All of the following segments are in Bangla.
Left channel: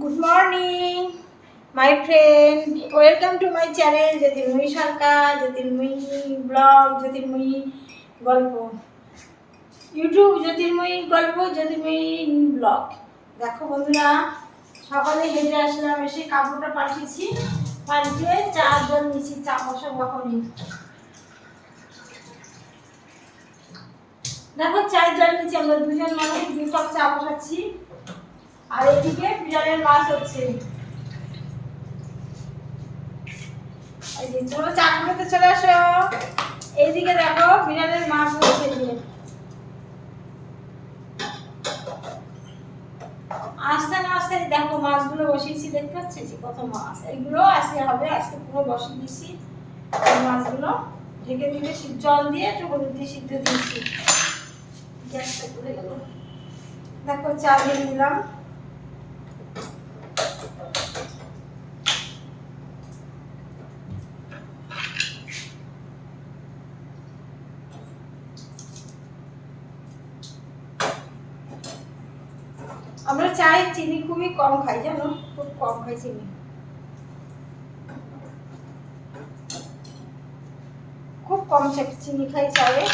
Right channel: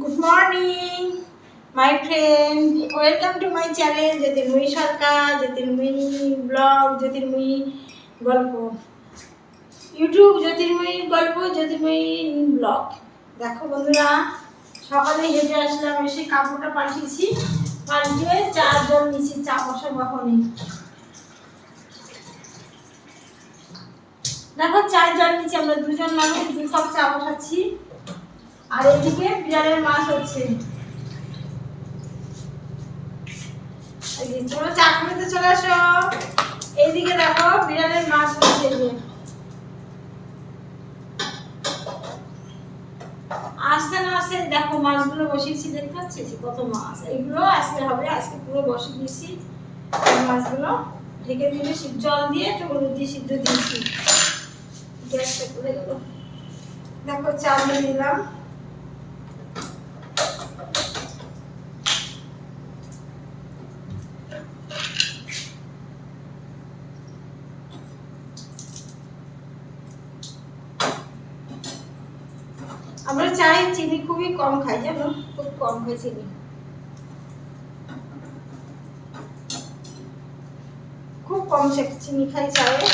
Good morning, my friend. Welcome to my channel, Jyotirmoyee Sarkar, Jyotirmoyee Vlog, Jyotirmoyee গল্প। ইউটিউব জ্যোতির্ময়ী গল্প, জ্যোতির্ময়ী ব্লগ। দেখো বন্ধুরা, সকালে হেঁটে আসলাম, এসে কাপড়টা পাঠিয়েছি, পাল্টে চার জল নিচে চা বসাবো এখনই। দেখো চার জল নিচে আমরা দুজন মানুষ 2 কাপ চা বসাচ্ছি, আর এদিকে বিড়ালের মাছ হচ্ছে। চলো চা খেতে চলে আসো। এইদিকে দেখো বিড়ালের মাছ হচ্ছে, আসতে না আসতে দেখো মাছগুলো বসিয়েছি, দেখতে পাচ্ছি কত মাছ। এইগুলো আজকে হবে, আজকে পুরো বসিয়ে দিয়েছি মাছগুলো, ঢেকে দিলে জল দিয়ে একটু হলুদ দিয়ে সিদ্ধ দিয়েছি। গ্যাসটা পড়ে গেল। দেখো চা দিয়ে নিলাম। আমরা চাই চিনি খুবই কম খাই, জানো, খুব কম খাই চিনি, খুব কম চিনি খাই চায়ে।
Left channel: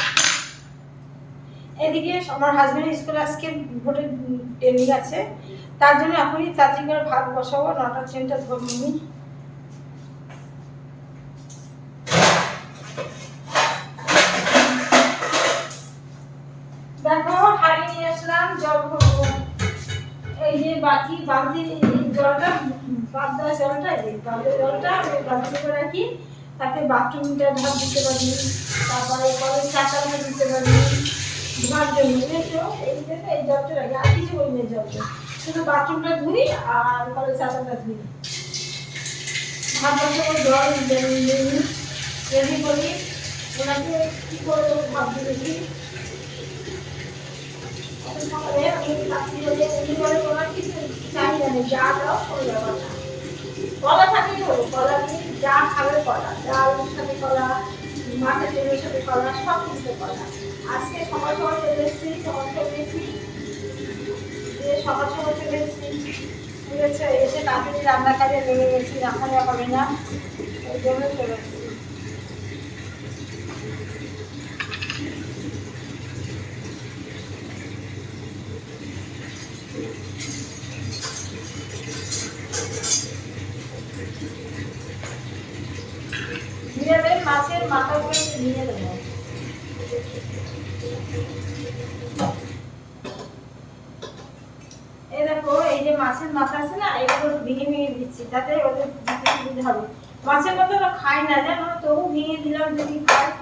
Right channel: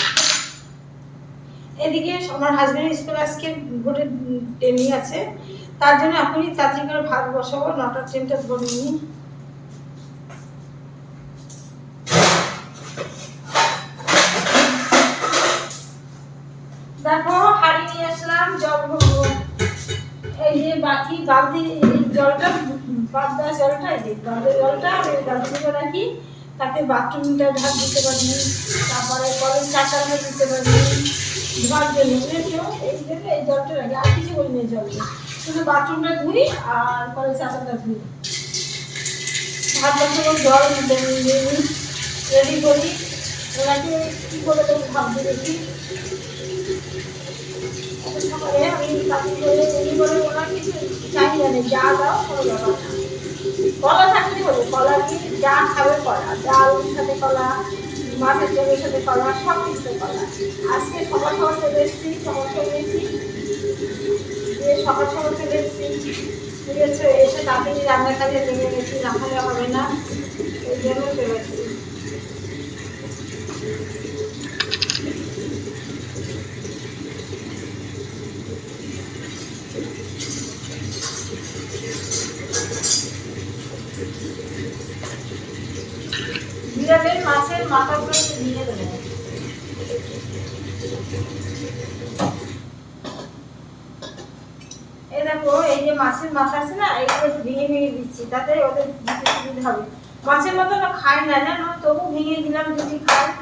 এদিকে আমার হাজবেন্ডের স্কুল আজকে ভোরের ট্রেনিং আছে, তার জন্য এখনই তাড়াতাড়ি করে ভাত বসাবো, 9টার ট্রেনটা ধরে নিই। দেখো হাঁড়ি নিয়ে আসলাম, জল ভরবো। এই যে বালতি জলটা, বাদ দেওয়া জলটা, এই যে বাদের জলটা বালতি করে রাখি, তাতে বাথরুমটা ঢাক দিতে পারি, তারপরে কলের চাকাটা দিতে পারি ধোয়ার জন্য, বুঝেছো? এই জন্য এই জলটা রাখি, আর কিছু করি না জলটা, শুধু বাথরুমটা ধুই আর কলের চাকাটা ধুই। ভাত বসাবো, জল রেডি করি, ওনাকে কী করে ভাবতে দেখি। সকালে আমি কাকি করে রেডি করে ওনার কিছু চাই জানে, যা দাও কোনো ব্যাপার না, কলা থাকলে হলো, কলা দিয়ে যা খাবে কলা, ডাল সাথে কলা, মাছের তেলের সাথে কলা, সব কিছুতে কলা। আজকে সকাল সকাল চলে এসেছি, সকাল চলে এসেছি, সকাল সকাল চলে এসেছি, ঠিক আছে, এসে তাড়াতাড়ি রান্নার কাজে নেমে গেছি, না হলে হবে না, ওই জন্য চলে এসেছি। বিড়ালের মাছের মাথাগুলো নিয়ে দেবো। এই দেখো, এই যে মাছের মাথা আছে না, এগুলো ভেঙে ভেঙে দিচ্ছি, তাতে ওদের দিতে সুবিধা হবে। মাছের মাথা ওরা খাই না জানো, তবু ভেঙে দিলাম যদি খায়।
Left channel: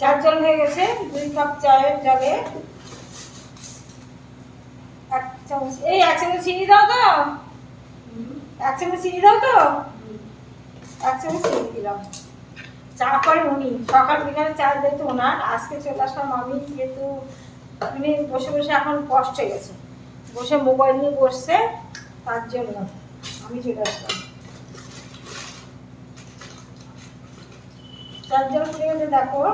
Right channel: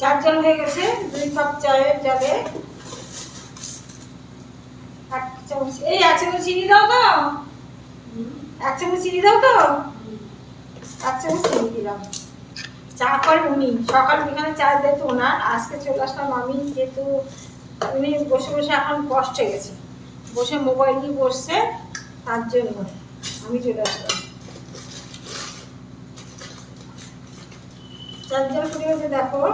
চার জল হয়ে গেছে, 2 কাপ চায়ের জলে 1 চামচ, এই 1 চামচ চিনি দাও তো, 1 চামচ চিনি দাও তো, 1 চামচ চিনি দিলাম। চা করে উনি, সকাল বিকালে চা দিত ওনার, আজকে চলে আসলাম আমি, যেহেতু উনি বসে বসে এখন কষ্ট হয়ে গেছে, বসে মোবাইল নিয়ে বসছে, তার জন্য আমি চলে আসলাম। চার জল ফুটে গেছে, দেখো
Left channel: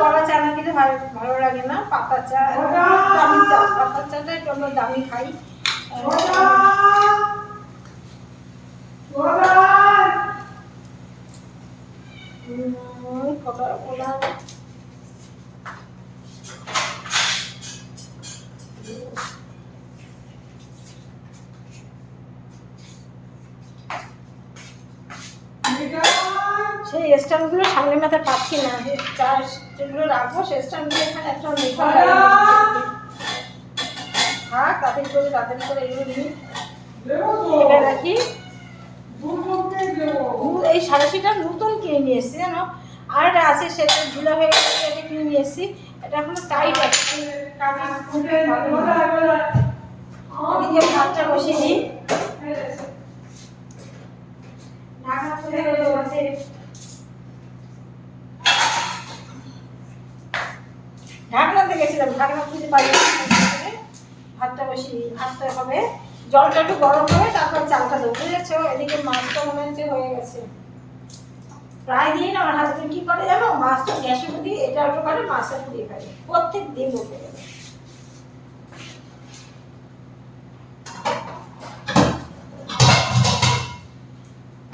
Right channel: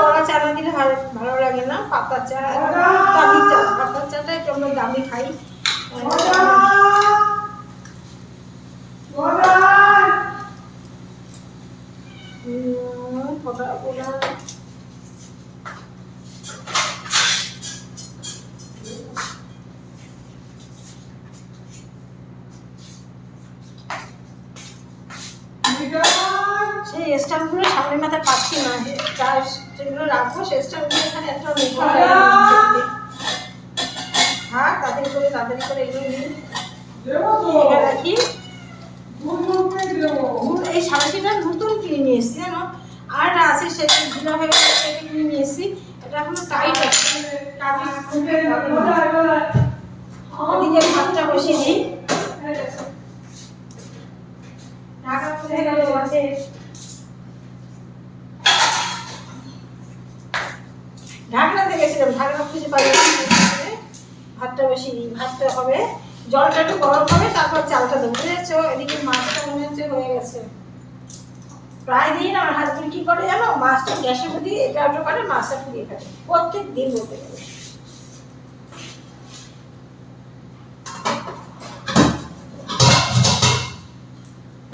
কলা চা না দিলে ভালো লাগে না, পাতা চা, দামি চা, পাতা চাটা একটু আমরা দামি খাই। সেই স্ট্যান্ডগুলো সামনে মাথায় পাচ্ছি না, তার যেগুলো রাখবো সেই স্ট্যান্ডগুলো এখানে একটা হ্যাঁ, তাড়াতাড়ি করে এগুলো নিই, রাখি। এই সাড়ে নতুন কিনে নিয়ে এসেছি জানো, আর এটা আছে সেটা ঢিলা হয়ে গেছে, এটা কিনে নিয়ে এসেছি, এটা এখনো টাইট আছে। এদিকে ভাতটা বসিয়ে দিই, ঢাকা খুলে গেল আছে। ঢাকনা দেখেছিলাম, ঢাকনা খুঁজে পাই ভাতটা বসিয়ে দিই। ভাতটা হবে, জলটা একটু গরম হবে, তারপর চালটা দেবো, বুঝেছো? এদিকে মাছটা মনে হচ্ছে হয়ে গেছে। প্রায় দিন আমার হাজবেন্ড কি করে জানো, মাছটা গ্যাসের উপর দিয়ে এটা ওটা করে মাছটা পুড়িয়ে ফেলে, প্রত্যেক দিন বলতে গেলে।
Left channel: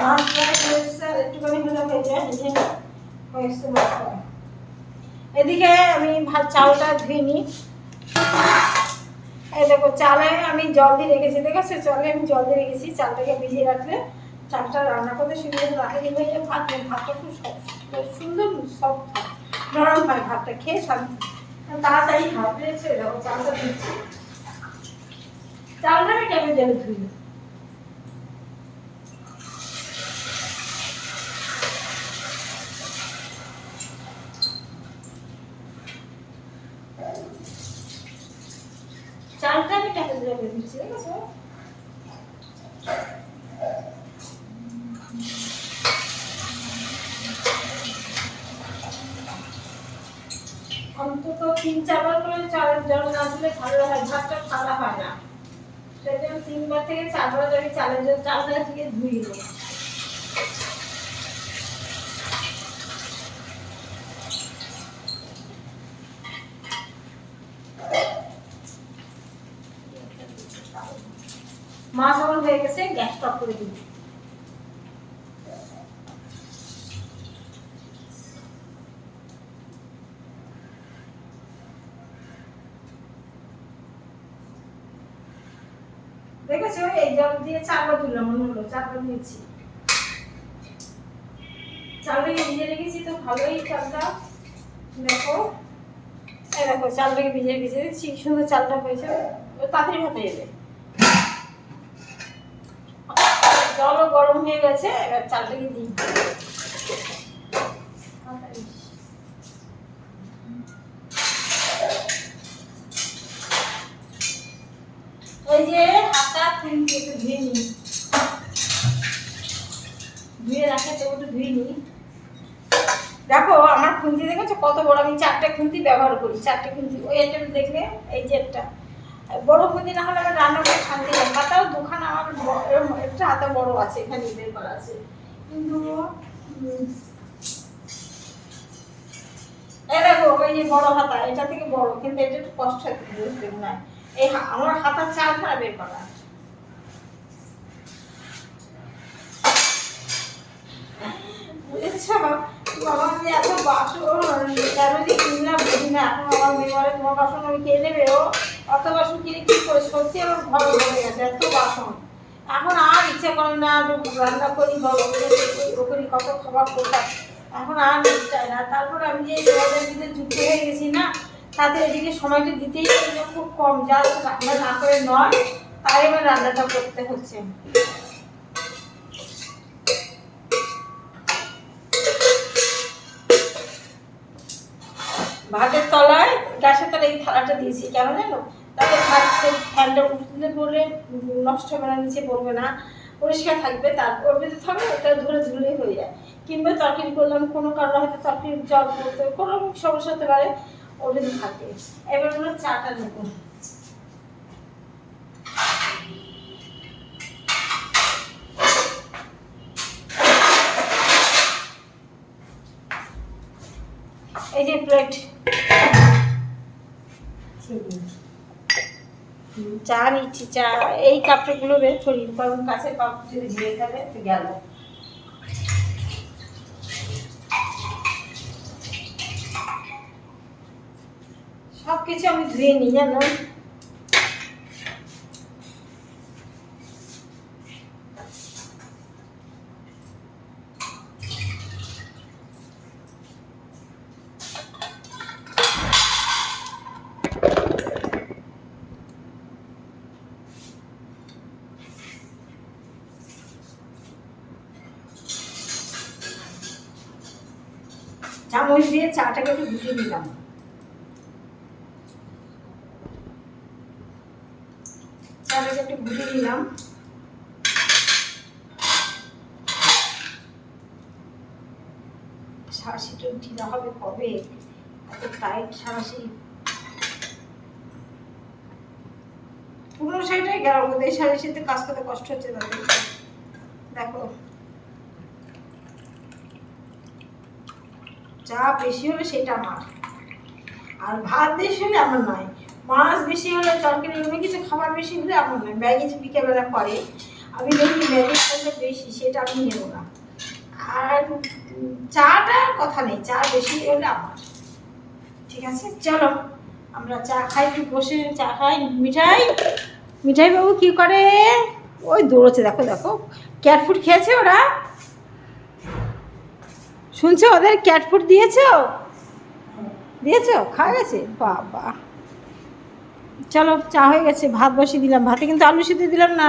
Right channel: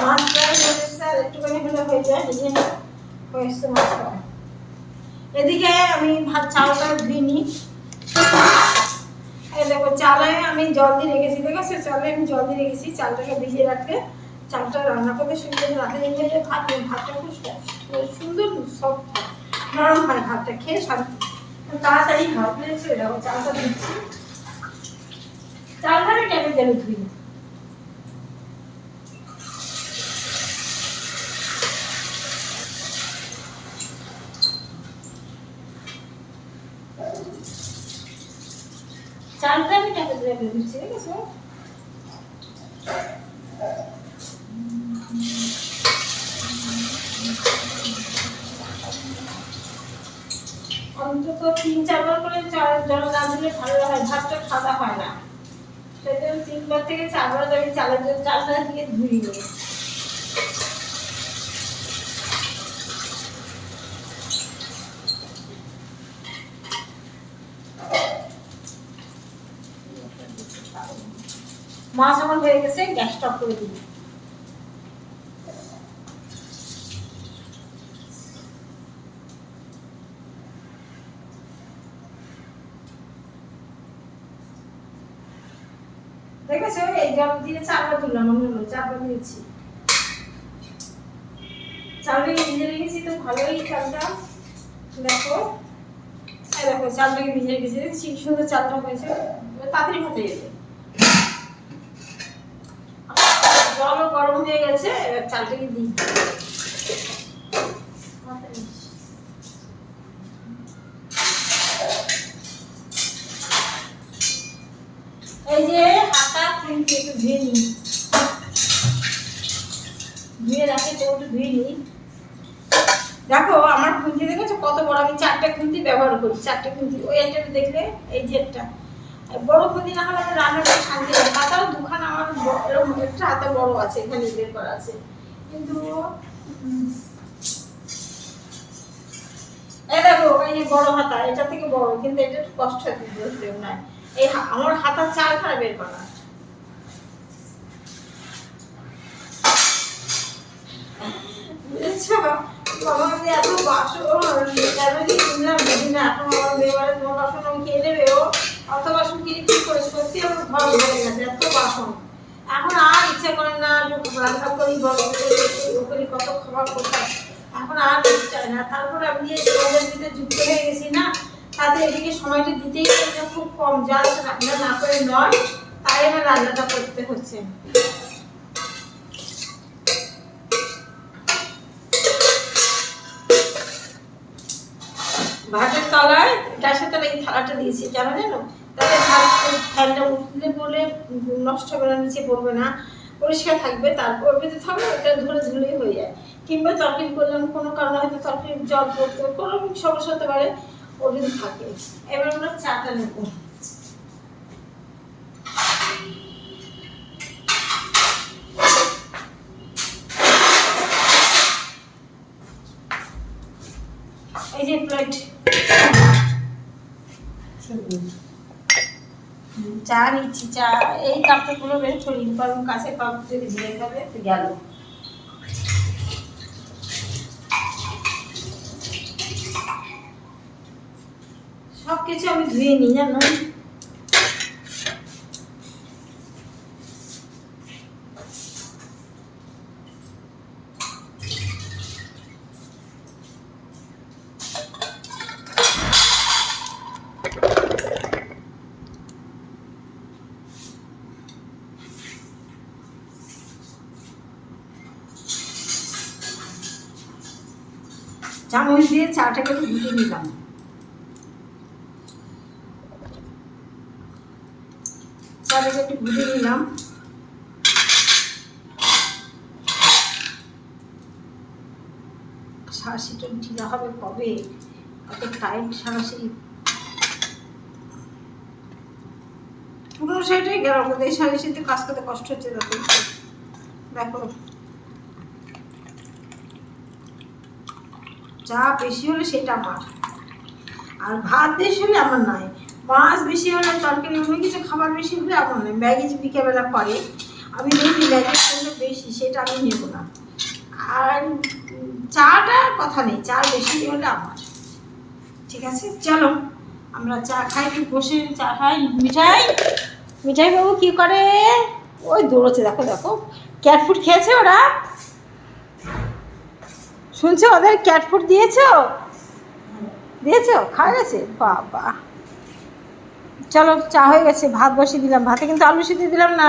মাছ প্রায় হয়েছে, আর একটুখানি হলে হয়ে যায়, নিজে হয়েছে মাছ প্রায়। এদিকে আমি চালটা ধুয়ে নিই। এই দেখো, চালে আমি জল দিয়ে রেখেছি, দেখেছো? চালে আমি জল দিয়ে রেখেছি। চালটাকে ভিজিয়ে রাখলে চালটা রান্না করতে সুন্দর রাতে দিন হয়ে যায়। ভাতটা খুব সুন্দর সফট নরম হয়, ভাতটা খেয়ে শান্তি, তাড়াতাড়ি হয়, বুঝেছো? দেখো চালটা দিচ্ছি, চালটা আমি টেপে জলে ধুই। চালটা আমি টেপে জলে দিচ্ছি, দেখেছো? অন্তত 3-4 বার করে চালের জল না দিলে ভালো হয়, ভাতটা সাদা হয় না। সেই জন্য 3 থেকে 4 বার আমি চালটা দিয়ে ধুই নিই। মাছ আমার হয়ে গেছে, গ্যাস স্টপ করে দিই। দেখেছো, এই জল দিয়ে চালটা তুললাম, মনে হলো চালটা দিয়েছি। চালটাকে ভিজে রেখেছি তো ভালোই চালটা, দেখো এই দেখো চালটাকে ভিজে রেখেছি, সুন্দর চালটা হয়েছে, তাড়াতাড়ি ভাতে যাবে। জলও গরম হয়ে গেছে, এবার চালটাকে দিই। এই যে হাতা খুন্তি একটু ধুয়ে নিই, ধুয়ে রাখে তো একটু ধুয়ে নিই। দেখো আমার খুন্তি দেখেছো কত বড়, আমি 4টে খুন্তি ব্যবহার করি, 4টে খুন্তি। ওই একটা দেখলে, এই যে একটা বড় খুন্তি না হলে আমার রান্না করে শান্তি হয়। হাতাও দুখানা আমার এরকম একটা হাতা বড় আছে, এখানে বের করা আছে, কিন্তু এই দেখো এই যে বড় হাতা, এটা থেকে বড়, কিন্তু এটা একটু কষ্ট হচ্ছে না। এই আমার হাতা 4খানা বের করা। বুঝেছো? আমার যে এত বাসন কেন যে কিনলাম বুঝি না। এখন আমার মেয়েবারে তোমার বাসন আমি খেয়ে নেবে, ও অত বাসন কিনে কি করে, সত্যি আমার ঘর ভরে গেছে এত বাসন। এখন আর ইচ্ছে করে না রান্না করি, বলো করি, কত খাবার করতাম, এখন আর চাই না। তারপরে আমি যে জলের দিতে যুক্ত হয়ে গেছি না, তাতে এদিকে সময়টা দিতেই খুব কম, যা রান্না না করে নয়, তাই আমার রান্নাটা করতে হচ্ছে। ভাতের তলায়, গ্যাসের তলায় এই থালাটা দিয়েছি, কেন জানো? তাতে ফ্যানটা উঠতে পড়লে নষ্ট হবে না, নিচে পড়বে না, পরিষ্কার থাকবে। তারপর ভেতরে থাকবে, এটা ধরে ধুলে হয়ে যায়। কিংবা তরকারি করলাম, কোনো কারণে হয়তো তরকারির জল পড়তে, কোনো সমস্যা হতে পারে, ওর যদি থাকে। এবার আমরা চাটা নেব। এই যে প্লেট, চা নিচ্ছি। চা এই কাপড়গুলো বের করি, কারণ কাছে কাপ যদি ভিড়ে গেলে গেল। সবকিছু আমি ধুয়ে নিই, জানো? চামচ দিয়ে চাটাকে একটু ঘুটে নিলাম। চাটাকে একটু ঘুটে নিলাম। সাঁড়াশিটা ঢিলা হবে কবে, এত টাইট সাঁড়াশি। পুরো শাড়িটাই গেলাম, এই শাড়ির সাথে কাজ করতে কষ্ট হচ্ছে তাদের। দেখো চা বেশি হলে সেটা আমার, আর ভাত বেশি হলে আমার নয়, মাছ বেশি হলে, তরকারি অন্য কিছু খাবার বেশি হলে আমার নয়। ম্যাগি যে বিকেলবেলা করে আমি দেখি ম্যাগি করলে বেশি, সেটা আমি নেব না। আর চাটার কথা নেই, চা বেশি হলে আমার। ঠিক আছে, চলো আমরা চা খাই, একটু বসে চা খাই। মিঠাই, মিঠাই বাবু কি করে? ওই দৌড়চ্ছে, দেখো দেখো। ক্যাট ফুড খেয়েছে ওরা? শুনছো ওদের ক্যাট ফুড দিয়েছো? দিয়েছো, খাওয়া গেছে? বাবা, চলো চা হয়ে গেছে, ভাত বসিয়ে দিলাম। ভাতে কিন্তু আলু সিদ্ধ দিলাম না।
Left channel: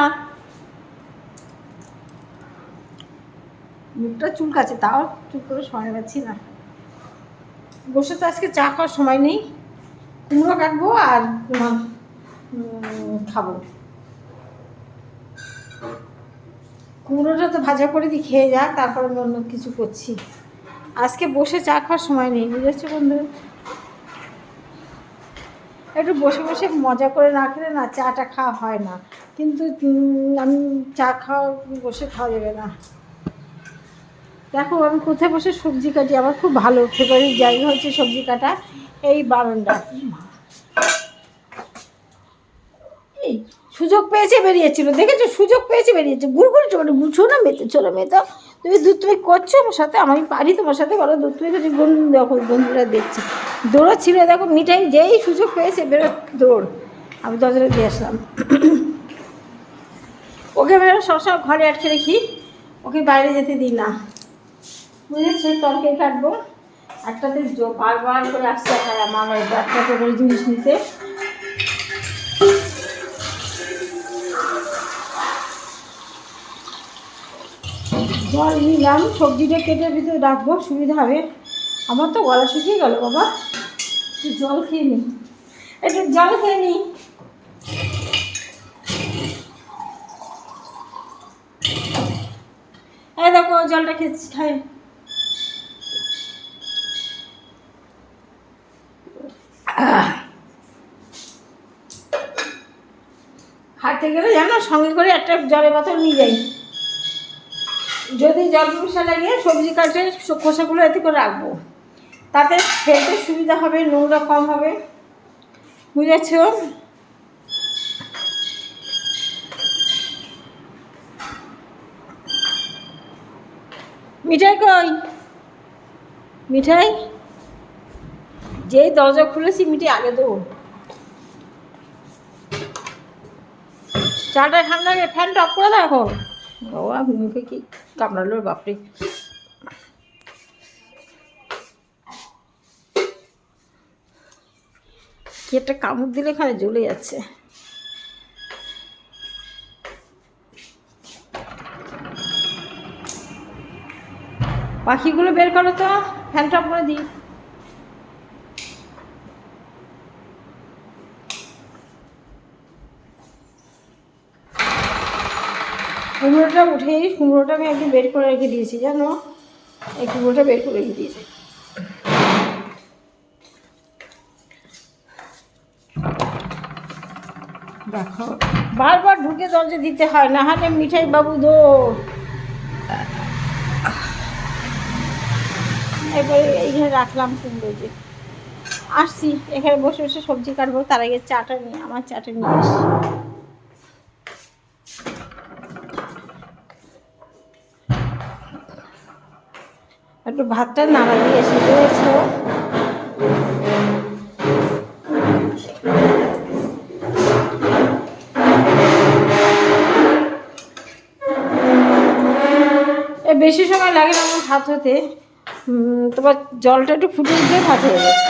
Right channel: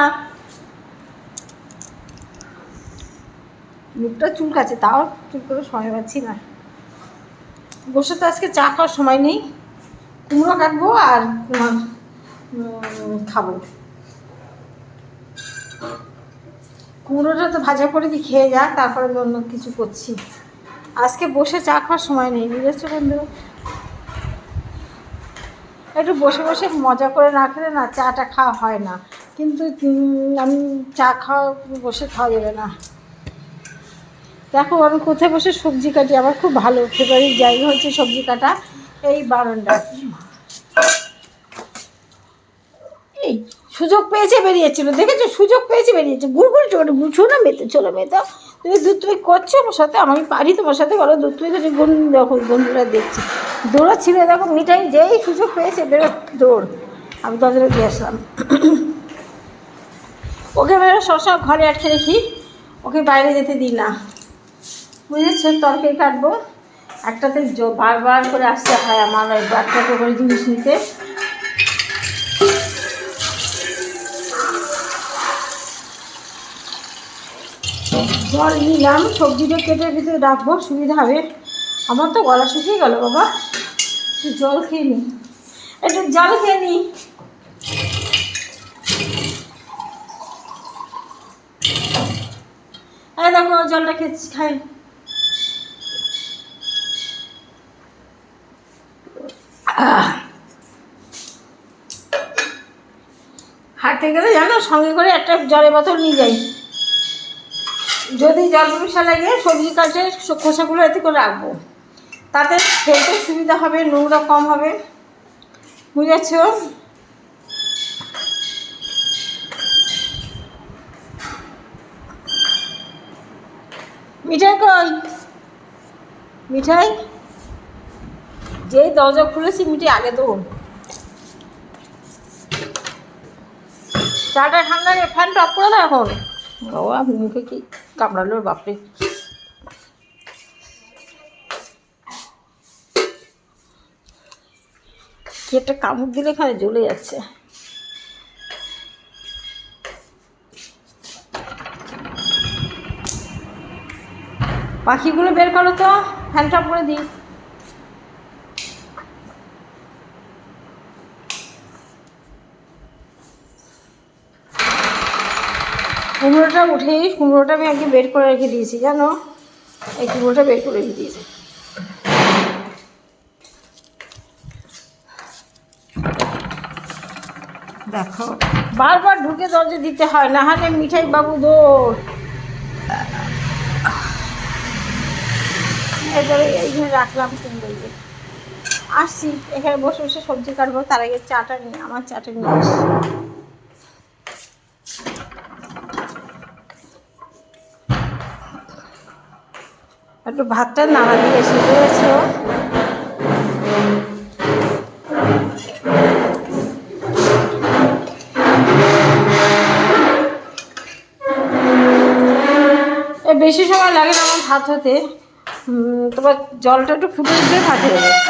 মুখটা চুলকাচ্ছে, তাও চুপ করে সময় পাচ্ছি না। বসে তো আজকে চা খাওয়ার সময় নেই। কুমড়ো কাটবো আর তোমার খাবো। কুমড়োটা তো ভাজা করে দিয়ে খেয়ে যাক, তারপরে আমি অন্য কিছু করছি। আজকে বসে চা খাওয়ার সময় নেই, বুঝেছো বন্ধু? একটু বসে বসে মজা করে না খেলে না চাটা খাওয়া হয় না। কিন্তু আমি চা খাওয়া বসে খাওয়া যাবে না। দেখো আমি কোথায় বসে সবজি কাটি, আমার খুব ভালো ফেভারিট জায়গা হচ্ছে সবজি কাটা, এই বারান্দা। এই সুযোগ পেয়েছে বেরিয়েছিল, দেখেছো? সুযোগ পেয়েছে বেরিয়েছে, গুড়গুড় চলে বুঝছো না? মেতে চলো মেতো, তুমি করছো আমার সাথে, আমি পারি তোমার সাথে, বলো তুমি দেখো বন্ধুরা দেখছি দৌড়াচ্ছিল। দেখো মিঠাই যেই সুযোগ পেয়েছে বেরো দৌড়। আমি দরজাটা দিয়ে আসলাম। ওকে বেরো, সবসময় ঘরে আটকে রেখি, ওকে বাইরে যেতে দিই না, বুঝেছো? তরকারি কাটবো, একটাতে বারবার করে আসতে হয় আমার ওই একটা করে জিনিস নিতে। জল নিলাম, সবজিটা কেটে ভিতরে রাখবো, সুবিধা হবে। আমার তো গলা শুকিয়ে গেল বাবা, একটু জল খেয়ে নি, একটু জল খেয়ে নি। এই দেখো জলটা খেয়েছি, খাই। হাঁটতে গেলে জানো সঙ্গে করে একটা জলের বোতল নিয়ে যাই, যদি জল পিপাসা লাগে সবজি কাটে খোসাগুলো এতে করে রাখবো, তাতে খেতে সুবিধা হবে, নোংরা কম হবে, বুঝেছ? মিঠাই কই? মিঠাই, যেই দরজা খুলেছি মিঠাই আগে দৌড়। চাটা ঠান্ডা গিয়ে ফ্যানটা অফ করে দাও এখন। বাবা মুখে কি কামড়ালো বাপরে। কি একটা কামড় দিলে খায় জ্বলে যাচ্ছে। পাখিগুলো বের করো তো, ফ্যানটা করে দিই। কুমড়োটা উঠেই, কুমড়োটা আমি আগে বের করে রেখে দিয়েছি জানো, এই কুমড়োটা বের করে রেখে দিয়েছি। দেখো বারবার ঢুকে দরজা দিতে হয়, না হলে মিঠাই বাবু দৌড়। এরপরে এইখানে রাখলাম কুমড়ো, যে আসছি এখানে বসে বসে সবজি কাটবো, তার আগে চাটা নিয়ে আমার চাটা নিয়ে আসছি। একটু ভাতটা নাড়া দিয়ে শিখে গেছো। বেশি সময় লাগে না আমার ভাত হতে, তোমার জলটা একটু ফুটে দিলে ভাত হয়ে যাবে।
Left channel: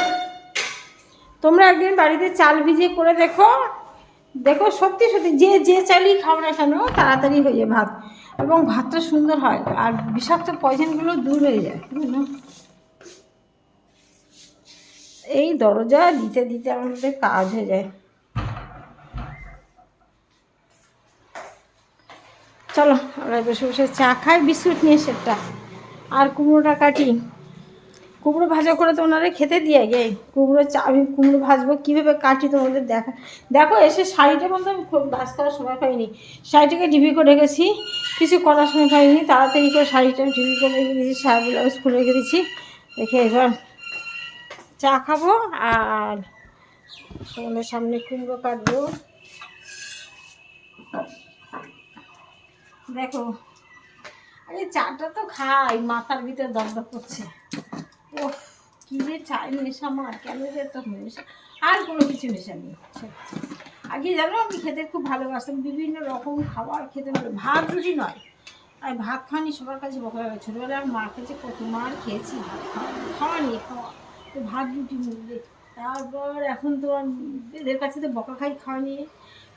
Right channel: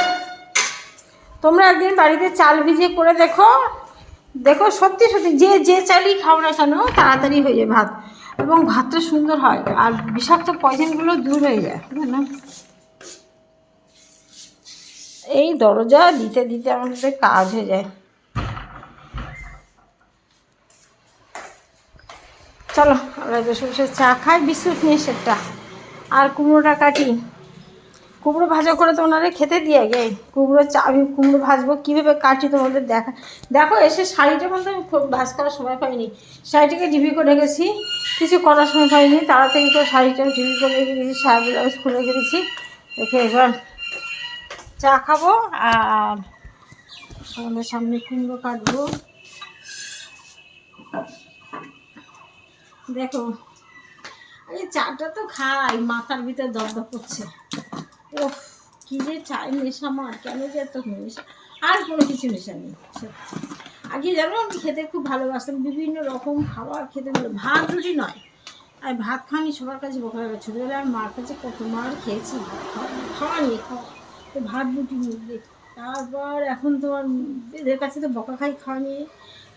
তোমরা একদিন বাড়িতে চাল ভিজিয়ে করে দেখো, দেখো সত্যি সত্যি যে চালই খাও না কেন তাড়াতাড়ি হয়ে যায় ভাত, এবং ভাতটা সুন্দর হয়, আর বিষাক্ত পয়জনগুলো দূর হয়ে যায় জানো। এই দরজা দিতে দিতে আমাদের কাজ হয়ে যায়। চলো আমরা বসে বসে চা খাই, বিস্কুট নিয়ে একটা, আর কুমড়োটা কাটি। কুমড়ো ভাজা করে তো ওনারে খেতে দিয়ে গে কুমড়ো আমি কুমড়ো ভাজবো কীভাবে কাটি তোমাদের দেখো এসে শাড়িটা বলতে আমি খুব ভাজ করার সময় পাইনি, শাড়িটাকে ডিবি করে রেখেছি, কিছু করার সময় পাইনি, তাড়াতাড়ি করে শাড়িটা ডিবি করে রেখে দিয়েছি, শাড়ি ব্লাউজ খুলে রেখে দিয়েছি। রেখে এবার চা খাবো আর তোমাদের সামনে কুমড়ো কাটবো। দেখো আরে চাটা তো খাই, মাথার ভিতরে দরদর করছে। ও কী যে চাই নেশা আমার, কেন যে এত নেশা, আর কোনো কিছু নেশা নেই। আগে জানো আমি খেতে খুব ভালোবাসতাম, বিভিন্ন রকম খাবার খেতে ভালো, ভাত রুটি নয়, আর ভাত খাওয়ানি সবার কাছে বকা হবে। ছোটোবেলায় আর মার কাছে কত মার খেয়েছি, খাওয়া নিয়ে খাওয়া তো ভাত রুটি নিয়ে, তারপর এখন তো এদের কাছে তো বকা খাই খাওয়া নিয়ে,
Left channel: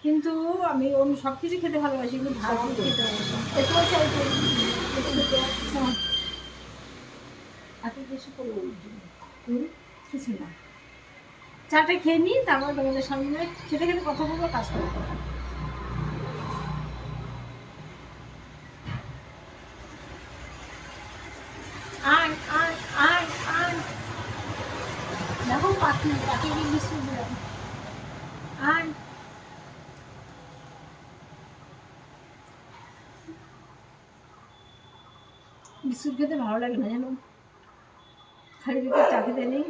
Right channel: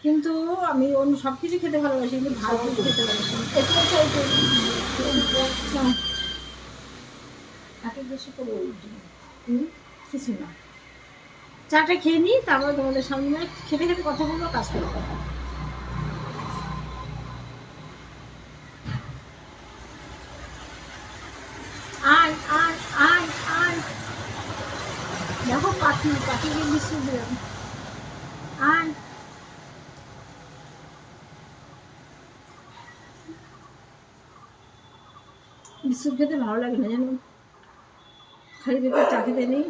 কিন্তু আমি অন্য সব কিছু খেতে ভালোবাসি, কিন্তু ভাত রুটি খেতে ভালোবাসি। এত বেশি করে কিছু না, চাটা খেয়ে নিই, তারপর তোমাদের সামনে খেতে খেতে কথা বলবো, কাজ করবো। আয় আয় আয় আয়, দেখো পাখিকে বিস্কুট দিলাম, আয়। বিস্কুট খেতে ভালো লাগে না জানো, খালি পেটে চা খেতে নেই।